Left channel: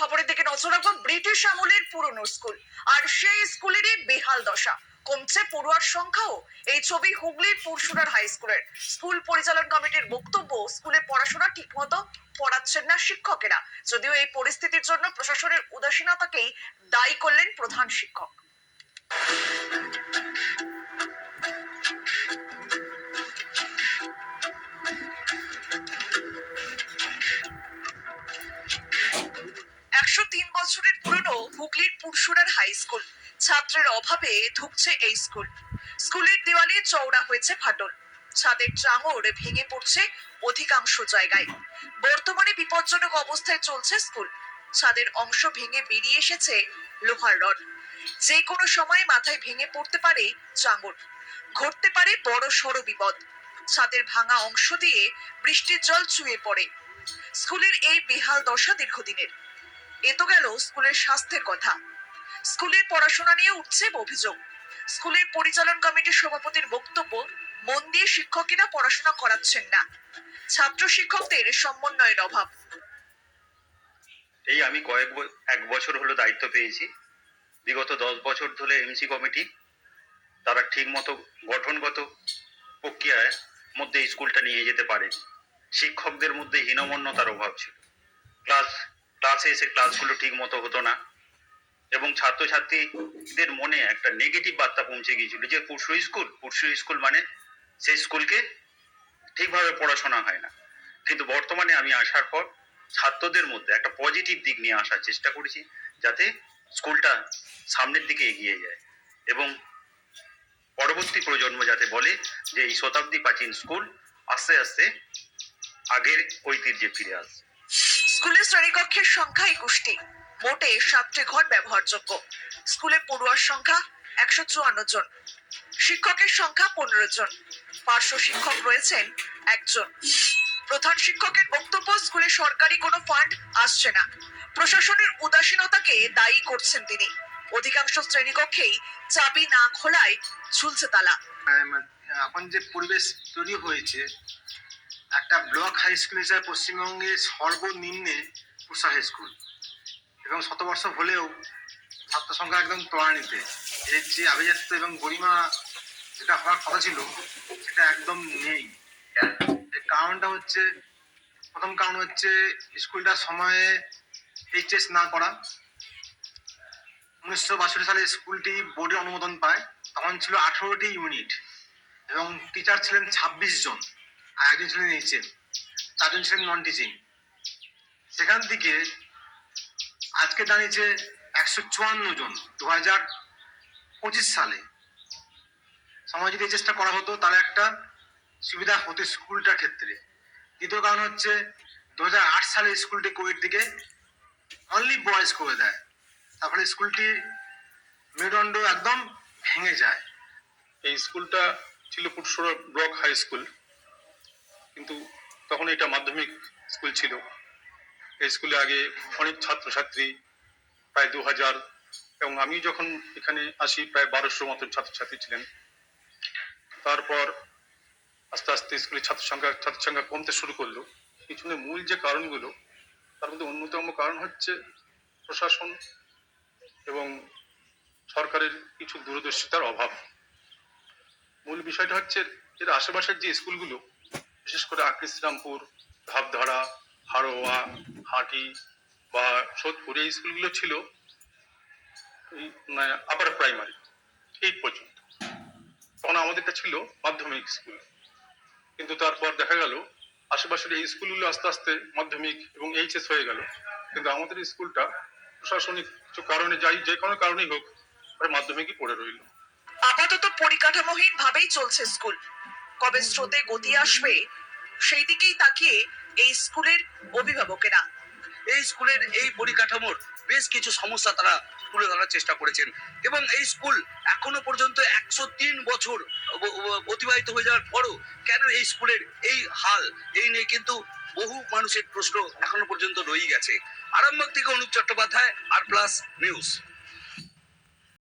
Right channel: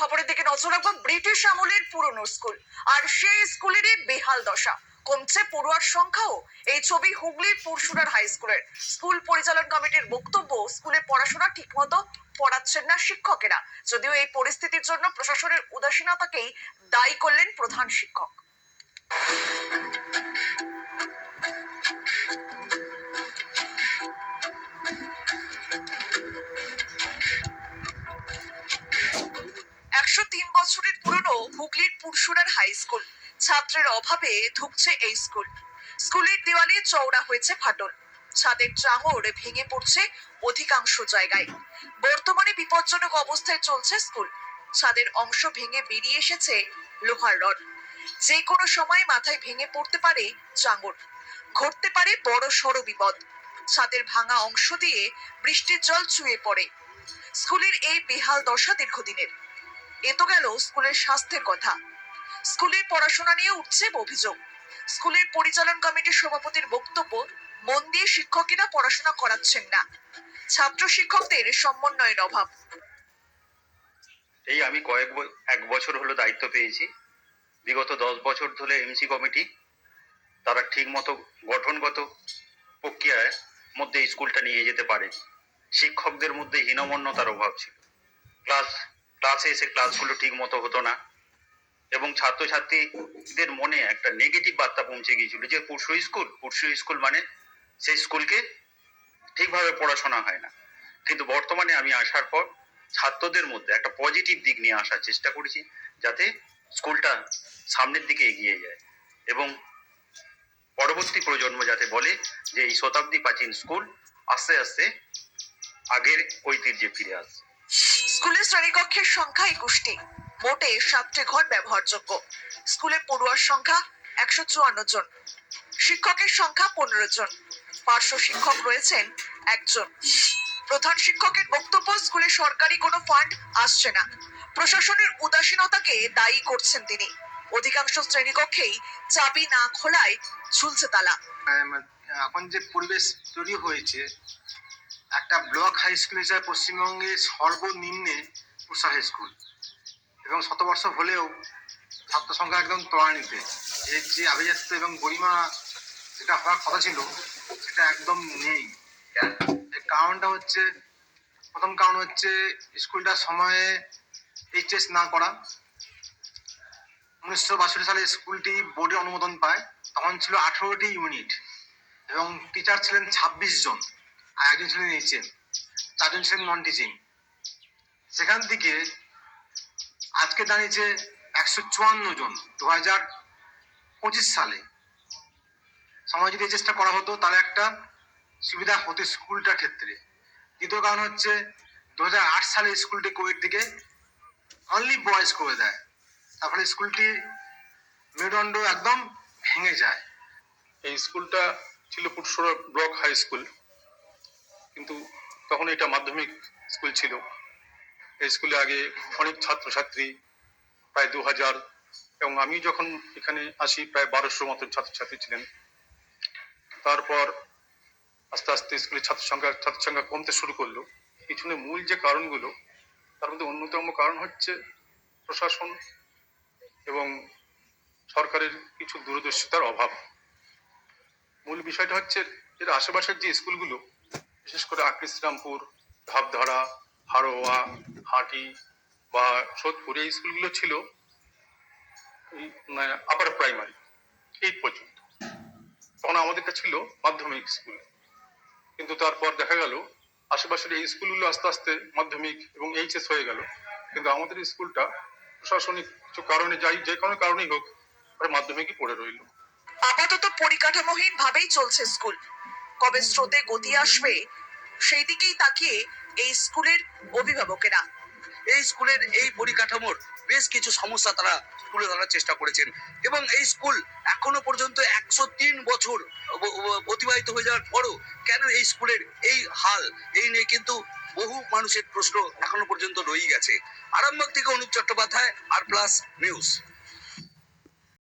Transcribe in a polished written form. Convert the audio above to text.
খবরের দিকে নজর রাখবো। ব্রিটিশ আমলের পুরনো স্কুল আর সেই স্কুলেরই বেহাল দশা। কমছে পড়ুয়ার সংখ্যাও। এই ছবি হুগলির পুরসুরার হাই স্কুলের। স্কুল পরিচালন কমিটির বক্তব্য, স্কুলে পড়াশোনা ঠিকমতো পড়াচ্ছেন না শিক্ষকেরা। যদিও এই পরিস্থিতির জন্য প্রশাসনের উদাসীনতাকেই দায়ী করলেন প্রধান শিক্ষক। বছরের পুরনো হুগলির পুরসুরার হাই স্কুল। ছাত্রের অভাবে ধুঁকছে এই স্কুল। স্কুলের দেওয়ালে চওড়া হয়েছে ফাটল, ছাদের চাঙড় ভেঙে পড়ছে অধিকাংশ জায়গায়। বর্তমানে বিপজ্জনক অবস্থায় চলছে স্কুল। ছাদের অংশ ভেঙে বেরিয়ে এসেছে লোহার রড। যে কোনো সময় মাথায় ভেঙে পড়তে পারে চাঙড়, ঘটতে পারে বড় সড় বিপদ। ছাদের ভাঙা অংশ দিয়ে বৃষ্টির জল চুয়ে পড়ে। স্কুলের এই বেহাল দশা দীর্ঘদিনের। এ তো গেল স্কুলের স্বাস্থ্যের কথা। স্কুলের পড়াশোনা নিয়ে উঠছে অভিযোগ। স্কুলের পরিচালন কমিটির সভাপতির বক্তব্য, মন দিয়ে শিক্ষকেরা পড়াশোনা করাচ্ছেন না, ছাত্র শিক্ষকদের সমন্বয়ের অভাব। এই আমি এক বছর হলো দায়িত্ব পেয়েছি। বিগত 10 বছর ধরে এমসি কমিটি তারা ঠিক মতো গঠনগত প্রক্রিয়ার মধ্যে স্কুলটা নিয়ে যেতে পারে। শিক্ষকদের মধ্যে হীনমন্যতার অভাব ছিল। ক্লাসে এসে ক্লাসগুলো ঠিক মতো হতো না এবং ছাত্রছাত্রীদের মনে একটা নেগেটিভ বার্তা পৌঁছে গিয়েছিল যে পরশু স্কুল মানে সেই স্কুলকে ঠিকভাবে পড়াশোনা হয় না। কিন্তু বর্তমানে আমি আসার পর ছাত্রদের মধ্যে একটা পজিটিভ দিক নিয়ে আসার চেষ্টা করেছি, যাতে স্কুলটা সামনের দিকে এগিয়ে যায় এবং পরবর্তী প্রজন্ম যাতে বলে যে এই শতাব্দী প্রাচীন স্কুল আস্তে আস্তে আগের ঐতিহ্যে ফিরে আসছে। স্কুলের শ্রেণীকক্ষের সংখ্যা 21টি, মোটে 7টি ঘর ব্যবহারযোগ্য। স্কুলে পড়ুয়ার সংখ্যা 154 জন, শিক্ষকের সংখ্যা 15 জন, পার্শ্ব শিক্ষক রয়েছেন 1 জন। প্রধান শিক্ষকের বক্তব্য, স্কুলে সরকারি কোনো ফান্ড আসছে না, প্রশাসনের উদাসীনতাকে দায়ী করছেন তিনি। অধিকাংশ শ্রেণীকক্ষেই চাবি না খোলায় ঝুলছে তালা। এখন যে পরিবেশ তৈরি হয়েছে, একটা ব্লক হাই স্কুল হিসাবে পশ্চিমবঙ্গের সর্বনিম্নে পুরসুরা হাই স্কুল এবং শতবর্ষ হলেও ছাত্র সংখ্যা একদম ত্বরান্বিতে। এর যে আভিজাত্য এবং গরিমা যেটা হওয়ার কথা ছিল সেটা একদম নেই। এর কারণটা হচ্ছে, প্রথম কারণ হচ্ছে স্কুলটা সময়ে এইচএস না করা। 1962 সালে স্কুলটি বোর্ডের অনুমোদন পায়। তখন ছিল 18টি ইউনিট এবং টিচার ছিলেন 26 জন, আর একজন ছিলেন এইচএম, 4 জন ছিলেন নন টিচিং। সেখান থেকে আজকে দাঁড়িয়েছে 154 জন 2025 সালে। সময় যদি চেষ্টা করা হতো তাহলে একটা সুবিধা হতো স্কুলটার ক্ষেত্রে। দ্বিতীয় কারণ হচ্ছে 2008 সালে স্কুলটি কোভিড থেকে অনলি বয়েজ করে দেয়, তারপরে স্কুলটি মেরুদণ্ড একদম ভেঙে যায়। এই স্কুলটা ছিল পুরসুরা ব্লক হাই স্কুল, কিন্তু তখন এটা মাধ্যমিক স্কুল ছিল। এই স্কুলে আগে অনেক ছাত্রছাত্রী, প্রায় 2000, এবং আমি যখন এখানে আসি প্রায় 1200 মতো ছাত্রছাত্রী ছিলেন। তারপর আস্তে আস্তে স্কুলের ছাত্র সংখ্যা কমতে শুরু করলো। পিছনে মূল যে কারণগুলো, তার মধ্যে অন্যতম কারণ হচ্ছে প্রশাসন এবং সরকারের কিছু দূরদর্শিতার অভাব। মূল বিষয়টা হচ্ছে যে আশেপাশের যে স্কুলগুলো, বিশেষ করে আকৃতিরামপুর, ধাপধারা, হারোয়া, হাটি বা সোদপুর, এই স্কুলগুলো ছিল আপার প্রাইমারি 8 পর্যন্ত। তখন আমাদেরটা ছিল মাধ্যমিক স্কুল। কিন্তু তারপর দেখা গেল আশেপাশের এই স্কুলগুলো আস্তে আস্তে মাধ্যমিক এবং এইচএস হয়ে গেল, কিন্তু আমাদের স্কুলটা প্রশাসনিক কিছু কারণে, যে কোনো কারণেই হোক, মাধ্যমিকই পড়ে রইল। আপাতত পরিকাঠামোহীন ভাবেই চলছে স্কুল। কবে স্রোতে গতি আসবে সেই দিকেই তাকিয়ে এই স্কুলের অভিভাবকেরা। এই স্কুলের এই পরিকাঠামোর বেশ কিছু সমস্যা তারা তুলে ধরার চেষ্টা করেছেন এবং এই স্কুল এখনো পর্যন্ত 103 বছর অতিবাহিত হয়ে যাওয়ার পরও কেন এই স্কুলের এই হাল, এই নিয়ে কিন্তু বহু মানুষের প্রশ্ন এখনো পর্যন্ত রয়ে গেছে। আরামবাগ থেকে অনুপ চট্টোপাধ্যায়, আর প্লাস নিউজ।